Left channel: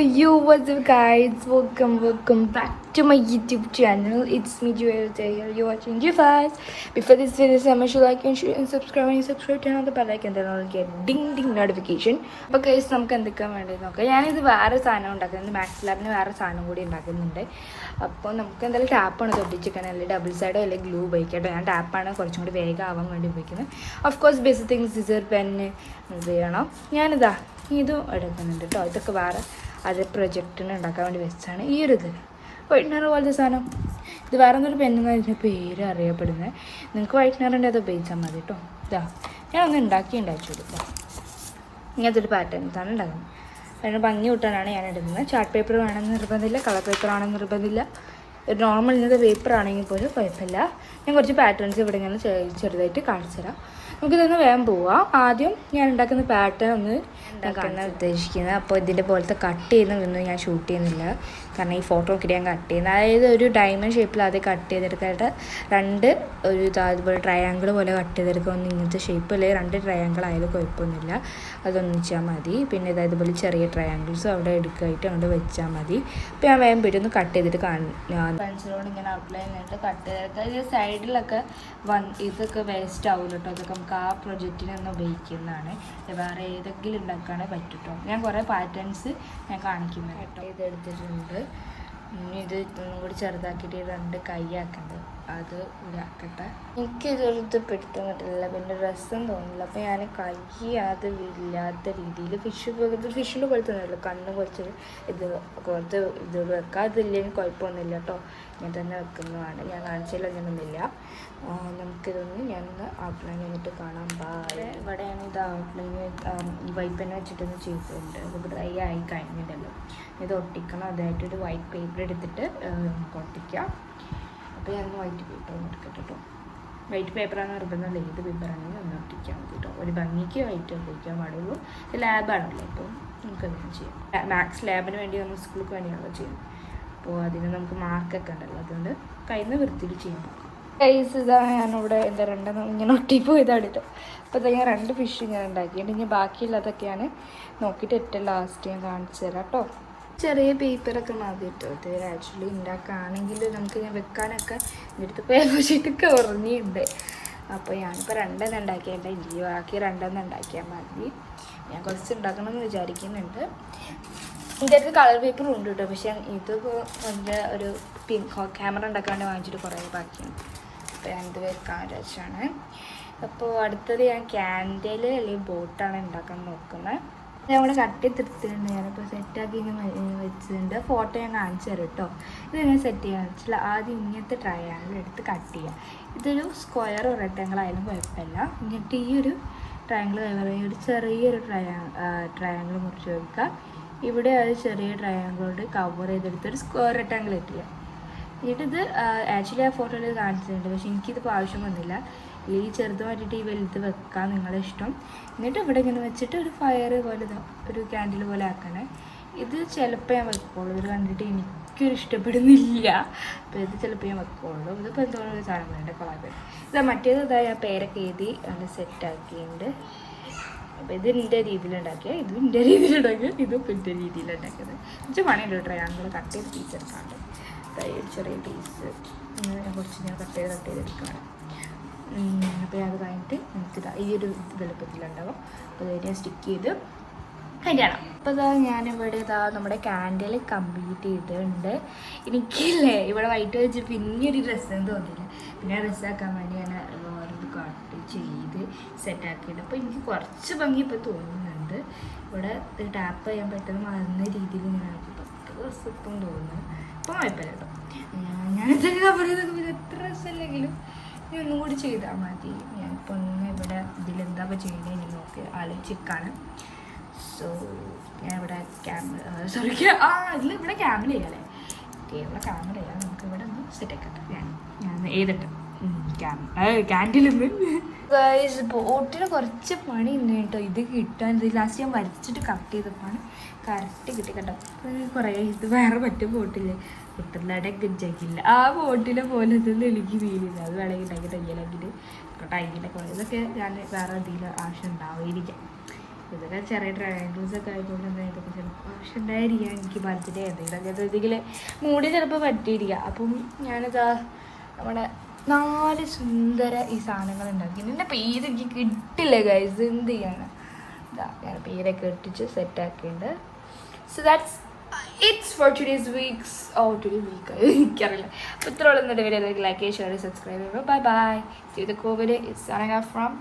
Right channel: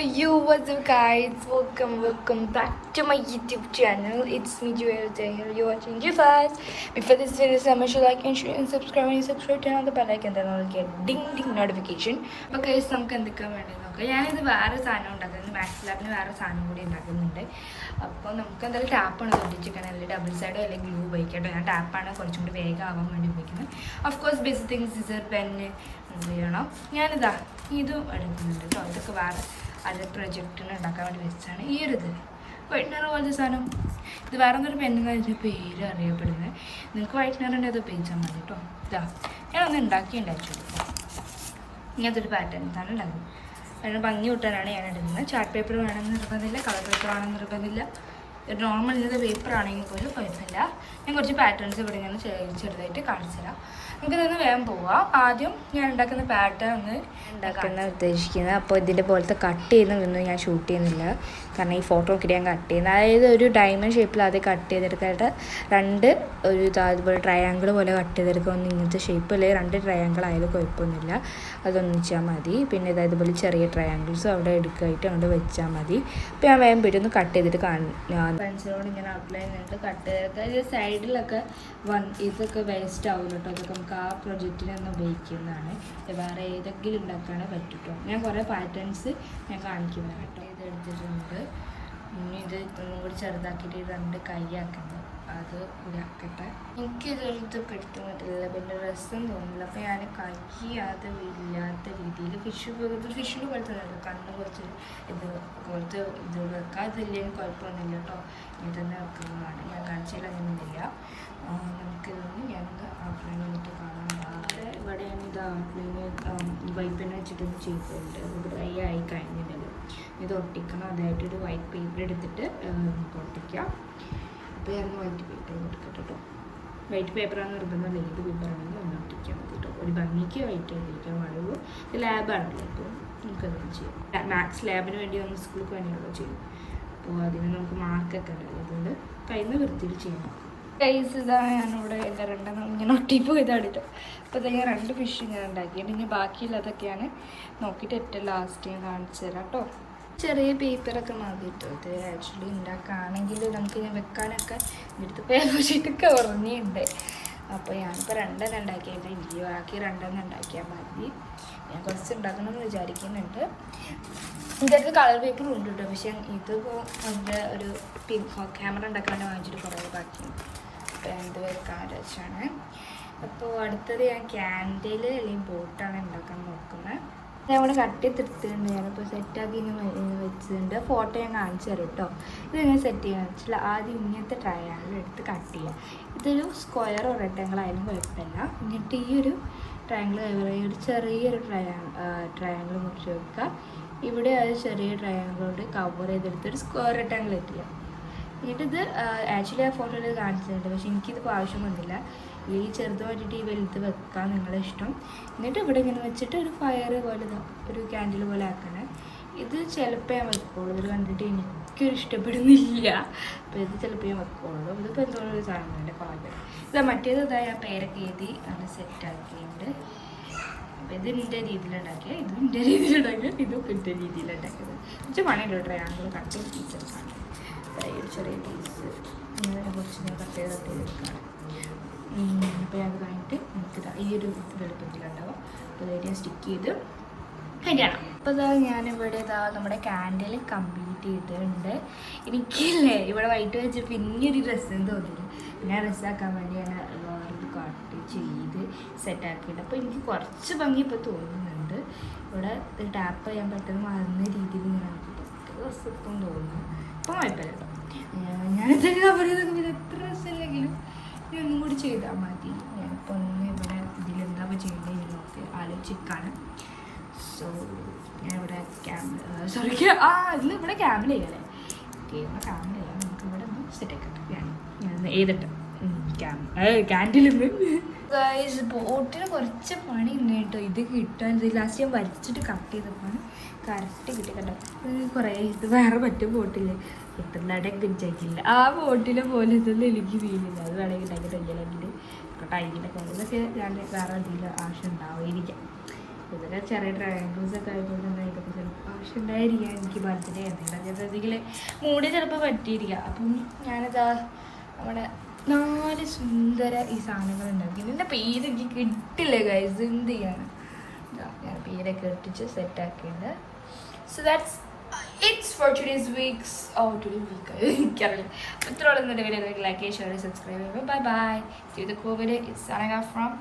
Yo, what's up guys? Welcome back to my YouTube channel. It's me Jufas here. You're watching Jufas. Before this video, make sure like and share and subscribe. When you subscribe, turn on the bell icon, then I'll get ding notification. Okay, നമുക്ക് എന്തൊക്കെയാണ് വേണ്ടത് നോക്കാം. ഞാനിത് വേറെ സാധനം ഉണ്ടാക്കുന്നത് maths ലാബിന് വേറെ സാധനം കൂടി ഉണ്ടാക്കുന്നുണ്ട്. അപ്പോൾ നമുക്ക് എന്തായാലും ടാപ്പാണ് തൊട്ടിച്ചിരിക്കണം, അല്ലെങ്കിൽ ഡബിൾ സൈഡോ അല്ലെങ്കിൽ ഗ്ലൂ ഉപയോഗിക്കട്ടോ. ഞാൻ ടാപ്പാണ് കുറച്ചും കൂടി വേഗം ആവാൻ വേണ്ടി ഉപയോഗിക്കുന്നത്. Of course basic things scissor pen ഉപയോഗിക്കണം. ഞാനിതാ ഇതും എടുക്കുന്നുണ്ട് കേട്ടോ. ഇതൊക്കെ വേറെ അത് പ്രൊജക്റ്റിന് ഉണ്ടാക്കാൻ വേണ്ടി വെച്ചാണ് ഈ ഒരു ഇത് വൈറ്റ്നർ പോലത്തെ സാധനം. ഇത് വേറെ എന്തൊരു പെണ്ണെന്ന് വെച്ചാൽ പേര് അറിയപ്പെടുന്നത്. നിങ്ങൾക്ക് വൈറ്റ്നറിൻ്റെ അത് ഉപയോഗിച്ചാൽ മതി കേട്ടോ. ഇതാ ഞാനൊന്ന് ഉണ്ടാക്കി ഉണ്ടാച്ചു കൊടുക്കുക. ഇങ്ങനത്തെ ഒരു പാറ്റേൺസാണ് ഉണ്ടാക്കുന്നത്. അതിന് ഭംഗി കൂട്ടാനാണ് ഞാൻ ഇടുന്നത്. ചാർട്ട് പേപ്പർ വേണമെന്ന് നിർബന്ധമില്ല, കളർ പേപ്പർ ആണെന്ന് നിർബന്ധമില്ല. ഒരു നോർമൽ ഇന്നത്തെ പേപ്പർ ആണെങ്കിൽ പോലും കുഴപ്പമില്ല. ഞാൻ കുറച്ച് പാറ്റേൺസ് ഇവിടെ ഇങ്ങനെ ചെറുതായിട്ട് കാണിച്ചു തരാം. നമുക്ക് ഇതൊന്ന് വേഗം പോവാം. ആദ്യം ഞാൻ ഉണ്ടാക്കുന്ന പാറ്റേൺ ഒന്ന് ഉണ്ടാക്കുന്ന ഉദ്ദേശിക്കുന്നത്. അപ്പോൾ ഇതിൻ്റെ പോലത്തെ കട്ട് ചെയ്യുന്നതൊന്നും ഞാൻ ഷൂട്ട് ചെയ്യുന്നില്ല, കാരണം ഈ ഫോട്ടോ നോക്കിയിട്ട് ഞാൻ കട്ട് ചെയ്യുന്നത്. അതായത് ഒരു ഡയമണ്ട് ഷേപ്പിൽ അത് കട്ട് ചെയ്തെടുക്കാനായിട്ട് ഒരു അതുപോലെ ട്രയാങ്കിൾ പോലെ കട്ട് ചെയ്തെടുക്കുക. ഒന്ന് ഇങ്ങനത്തെ ഷേപ്പ് അല്ലെങ്കിൽ 2 ട്രയാങ്കിൾ ആയാലും കുഴപ്പമൊന്നുമില്ല, അതൊന്നിച്ചാൽ മതി. പിന്നെ ഇതുപോലെ ചെറിയ ട്രയാങ്കിൾസും അവിടെ എടുക്കാനായിട്ട് അങ്ങോട്ട് വെച്ചാൽ മതി. അപ്പോൾ ഞാൻ വേഗം പോയിട്ട് ഒന്ന് കട്ട് ചെയ്തിട്ട് പെൻസിലോട് ഇങ്ങനെ ഔട്ട്ലൈൻ ആയിട്ട് കട്ട് ചെയ്തെടുക്കുക. ഇത് സൈഡിലൊക്കെ ഇതൊക്കെ വേസ്റ്റ് ആവില്ല കേട്ടോ. അതൊക്കെ നമുക്ക് ആ പ്രൊജക്റ്റിനൊന്ന് ഉപയോഗിക്കുന്നതാണ്. വേറെ ഏതെങ്കിലും ഉണ്ടാക്കാനേ പറ്റും കേട്ടോ. ഞാൻ കുറേ പാറ്റേൺസ് ഞാൻ കാണിക്കുന്നത് കേട്ടോ. ഇത് എടുത്തിട്ടുണ്ട്. ഇത് ഇതൊന്നും കൂടി ചെറുതാക്കിയിട്ട് 2 കൈയാക്കുന്നത്, അത് ഇതാക്കട്ടെ. എനിക്കിതൊരിത് പെട്ടെന്നിട്ടില്ല, പിന്നെ രസം തോന്നില്ല. അപ്പോൾ ഞാൻ കൈ അത് ഇല്ലാത്ത രീതിയിൽ ഫിഷിൻ്റെ പോലത്തെ ഒന്നുമില്ല, കണ്ണ് കുറച്ച് ഇത് പോലത്തെ ഇതുകൊണ്ട് വെക്കാം. അതില്ലെങ്കിൽ കുഴപ്പമൊന്നുമില്ല കേട്ടോ. ഞാൻ തന്നെ വെക്കുന്നതാണ്. ഞാൻ കാണിച്ചില്ല അങ്ങനെയൊന്നുമില്ല. നമുക്കിതൊന്ന് ഞാനൊന്ന് ഔട്ട്ലൈൻ വന്നിട്ട് കാണാൻ പാടില്ല. ഇവിടെ ഞാനിത് ഔട്ട്ലൈന് വൈപ്പന്നെ വെച്ചിട്ടൊന്ന് ചെയ്തിട്ടുണ്ട്. ഇത് ഡ്രൈ ആയി കഴിഞ്ഞിട്ടല്ലോ. ഇത് ഒട്ടിക്കണം. അതായിട്ടൊരു വൈറ്റ് പേപ്പർ എടുത്തിട്ട് നമുക്ക് ഒട്ടിക്കാം. അപ്പോൾ ഞാൻ വൈറ്റ് പേപ്പർ ഒന്ന് എടുക്കട്ടെ കേട്ടോ. വൈറ്റ് പേപ്പറാണ് നിർബന്ധം, ഏത് പേപ്പറാണെങ്കിലും ഒന്ന് ഒട്ടിക്കാൻ മതി കേട്ടോ. ഒരു ഭംഗിക്ക് വൈറ്റ് ഉപയോഗിക്കാൻ പാടുള്ളൂ. ഇത് ലാബാണല്ലോ, അപ്പോൾ നമുക്കങ്ങനെ ചെയ്യാം. മാത്സ് ലാബിന് വേണ്ടി നമ്മൾ സ്കൂൾക്ക് വേണ്ടിയാണല്ലോ ചെയ്യും. അപ്പോൾ അതിന് നമുക്ക് മാർക്കൊക്കെ ഉണ്ടല്ലോ, അതുകൊണ്ട് കയ്യിൽ നിന്ന് വൃത്തിയിൽ ചെയ്യാൻ നോക്കാം. കൈസ് ഇതാണ് ഞാനിവിടെ എൻ്റെ 2 ഇങ്ങനെ ഒട്ടിപ്പോയതാണ് കേട്ടോ. അപ്പോൾ ഇതാ ഞാൻ 2 ഫിഷ് ഞാൻ ഉണ്ടാക്കിയിട്ട് ഇനി ബാക്കിയുള്ളതൊക്കെയാണ് നോക്കിയിട്ട് ഏറ്റവും ലാസ്റ്റ് ഞാൻ കാണിച്ചു തരാം കേട്ടോ. ചെറിയ പേപ്പറൊക്കെ മതി കേട്ടോ. ഇത് ആക്ച്വലി ഉണ്ടാക്കുകയാണെങ്കിൽ നമുക്ക് ഞാൻ വെക്കാനൊക്കെ എൻ്റെ അടുത്ത് പേപ്പർ ഷീറ്റൊക്കെ ഉറങ്ങിയിട്ടുണ്ട്. അപ്പോൾ ഞാനിപ്പോൾ 2 ഉണ്ടാക്കിയിട്ട് ഇല്ല, ബാക്കി 2 ഉണ്ടാക്കിയാൽ മതി. ഞാൻ കുറച്ച് ഉണ്ടാക്കണമെന്ന് വിചാരിക്കുന്നുണ്ട്. എൻ്റെ അടുത്ത് കളർ പേപ്പറും ഉണ്ട് കേട്ടോ. പക്ഷേ ഇതിപ്പോൾ എൻ്റെ ഒരു ക്യാമറ ഉണ്ടാക്കാണ്ട് വാങ്ങിച്ചിട്ട് കുറേ ബാക്കിയാണ്. അപ്പോൾ ഞാനിത് വെക്കാൻ വെച്ചാണ്. അപ്പോൾ അടുത്തത് ഞാൻ ക്യാൻഡിൽ അല്ലെങ്കിൽ ബോട്ടാണ് ഉണ്ടാക്കാൻ നോക്കുന്നത്. നമ്മൾ കട്ട് ചെയ്തെടുത്തിട്ടുണ്ട്. ഞാനിപ്പോൾ സെറ്റാക്കി ഇങ്ങനെ വെച്ചിട്ടുണ്ട്. ഫോട്ടോ ഞാൻ കാണിച്ചു തരാം കേട്ടോ. ഇതെങ്ങനെ സെറ്റ് ചെയ്യാൻ വെച്ചാൽ ആദ്യം ഇങ്ങനത്തെ ട്രയാങ്കിൾ എടുത്ത് കട്ട് ചെയ്യും. ഇതൊരു സ്ക്വയർ റെക്ടാങ്കിൾ ആയാലും കുഴപ്പമില്ല. എന്നിട്ട് ഈ ഒരു ട്രയാങ്കിൾ ഒരു ചെറിയൊരു ട്രയാങ്കിൾ മുറിച്ച് വെക്കുക. ഇവിടെ ഒരു ചെറിയ ട്രയാങ്കിളോട് കവർ ചെയ്തെടുത്തൊരു സ്ക്വയർ റെക്ടാങ്കിൾ ഇട്ടില്ല. എന്നിട്ടിത് ആക്ച്വലി ആ ഫോട്ടോയിൽ കാണിച്ചിട്ടുണ്ട്, പക്ഷെ എനിക്കിതിപ്പോൾ ആവശ്യം വന്നില്ല. ഈ ചെറുത് മാറ്റിയിട്ട് ഈ വലുത് വെക്കാൻ നിങ്ങളുടെ ഇഷ്ടം. എന്നിട്ട് ഇവിടെ ഇങ്ങനെ വെച്ചിട്ട് ഒരു ഫയർ പോലെ ഒരു ക്യാൻഡിൽ പോലെ ആക്കണേ. ഇത് ചിലപ്പോൾ ഞാൻ വെക്കുള്ളൂ. ഇത് കണ്ടിട്ട് എനിക്കൊരു ഇഷ്ടപ്പെടുന്നില്ല. അപ്പോൾ ഇത് ചിലപ്പോൾ ഞാൻ വെക്കുള്ളൂ. ഇതിപ്പോൾ എന്തുകൊണ്ട് കാണുന്നുണ്ട് കളർ. ഇതാ മറ്റേത് ഇതാ ഞാൻ പേരൊക്കെ എഴുതി അത് സെറ്റാക്കിയിട്ടുണ്ട്. അപ്പോൾ ഇത് എൻ്റെ രീതിയിലുണ്ടാക്കിയ ഇത് എൻ്റെ രീതിയിലുണ്ടാക്കിയ ഇതിപ്പോൾ എൻ്റെ രീതിയിലുണ്ടാക്കിയത്. കുറച്ച് മണിയുണ്ട് ട്രയാങ്കിൾ കട്ട് ചെയ്ത് പീസെടുക്കാണ്. ഒരു ചെറിയ പീസ് കുറച്ച് ഞാൻ കട്ട് ചെയ്തെടുക്കണം. അപ്പോൾ അത് കഴിഞ്ഞിട്ട് നമുക്കിതാ ഈ ഒരു വലുപ്പത്തിലുണ്ടാവും. അപ്പോൾ ഇത് ഞാൻ സ്റ്റിക്ക് ചെയ്ത് കഴിയണം. അപ്പോൾ ഇതാ ഞാനിവിടെ ഇതാ നമ്മുടെ ക്യാൻഡിൽ കംപ്ലീറ്റ് ചെയ്തിട്ടുണ്ട്. എനിക്കില്ലേ ഇവിടെ വൈറ്റ് വെച്ച് പിന്നെയൊരു ഡ്രസ്സെന്ന് തോന്നിയില്ല. പിന്നെ ഡ്രസ്സാക്കാൻ വേണ്ടി ഞാൻ വേറൊരു കട്ട് ചെയ്ത് സെറ്റാക്കിയിട്ട് അപ്പോൾ എനിക്ക് കുറച്ച് ഭംഗി ഇപ്പോൾ തോന്നുന്നുണ്ട്. ഇവിടെ ടാപ്പ് ചെയ്യാൻ പറ്റുന്ന മറന്ന രീതിയിൽ ഇങ്ങനെ ആക്കിയിട്ട് ഡ്രസ്സ് ഇപ്പം തോന്നുന്നു. ഇപ്പോൾ കുഴപ്പമില്ല കേട്ടോ. ഞാനെന്താ പറയുന്നത്, പിന്നെ എത്ര ഡ്രസ്സല്ലെങ്കിലും ഇനി ഒന്നും കൂടി ചെയ്താൽ മതി. ഞാനിപ്പോൾ ഒന്ന് ഇവിടെ ഇതിലെന്താ ചെയ്യുന്നത് നോക്കി ആലോചിക്കാണ്. സോ ഞാൻ ഇവിടെ ഇവിടെ ക്യാമറ ചെയ്യാമല്ലേ, ഇവിടെ ക്യാമറ ചെയ്യാം. നമുക്ക് ഇവിടെ ഒന്ന് സെറ്റാക്കട്ടെ. ഞാൻ എഴുതട്ടെ ക്യാൻഡിൽ ബോട്ടിന് കുറച്ച് പണി ഉണ്ട് കേട്ടോ. ഇത് കിട്ടാൻ ലാസ്റ്റ് ഞാൻ വരച്ചിട്ട് കട്ട് ചെയ്തപ്പോൾ കറക്റ്റ് കിട്ടി കേട്ടോ. കുറേ ഇത് വേറെ മറ്റും ബോട്ടിൽ കിട്ടുന്നതായിട്ട് കിട്ടാക്കില്ല. ആ ബോട്ടിലെ പോലെ ഇതൊന്നും എനിക്ക് ഫീലില്ല. അത് വേണമെങ്കിൽ ഉണ്ടാക്കി തയ്യണമെങ്കിൽ ടൈമിലൊക്കെ കൊണ്ട് ഇതൊക്കെ ഞാൻ വേറെ എന്തെങ്കിലും ആവശ്യം ഉണ്ടാവുമായിരിക്കാം. ഇതൊക്കെ ചെറിയ ട്രയാങ്കിൾസൊക്കെ ആയതുകൊണ്ട് ഇതൊക്കെ ചിലപ്പോൾ പക്ഷെ ഉണ്ടായിരിക്കാം എനിക്ക് ബർത്ത്ഡേ എന്തെങ്കിലും മൂടി ചിലപ്പോൾ പറ്റിയിരിക്കുക. അപ്പം ഞാനിതാ നമ്മുടെ 4 സുന്ദര ഈ സാധനങ്ങൾ ഉണ്ടാക്കി. എൻ്റെ പേര് എനിക്ക് കിട്ടില്ല ഗൈസ്, എന്ത് ചെയ്യാണ്. ഇതാ ഞാൻ പേരൊക്കെ ഇട്ടിച്ച് സെറ്റാക്കിയിട്ടുണ്ട്. So that's it's for today's weeks week എനിക്കറിയില്ല. അപ്പോൾ ഇത്രയുള്ള ഇന്നത്തെ വീഡിയോ ലൈക്ക് ഷെയർ സബ്സ്ക്രൈബ് ചെയ്യുമ്പോൾ bye bye. See the Covid it's signing off from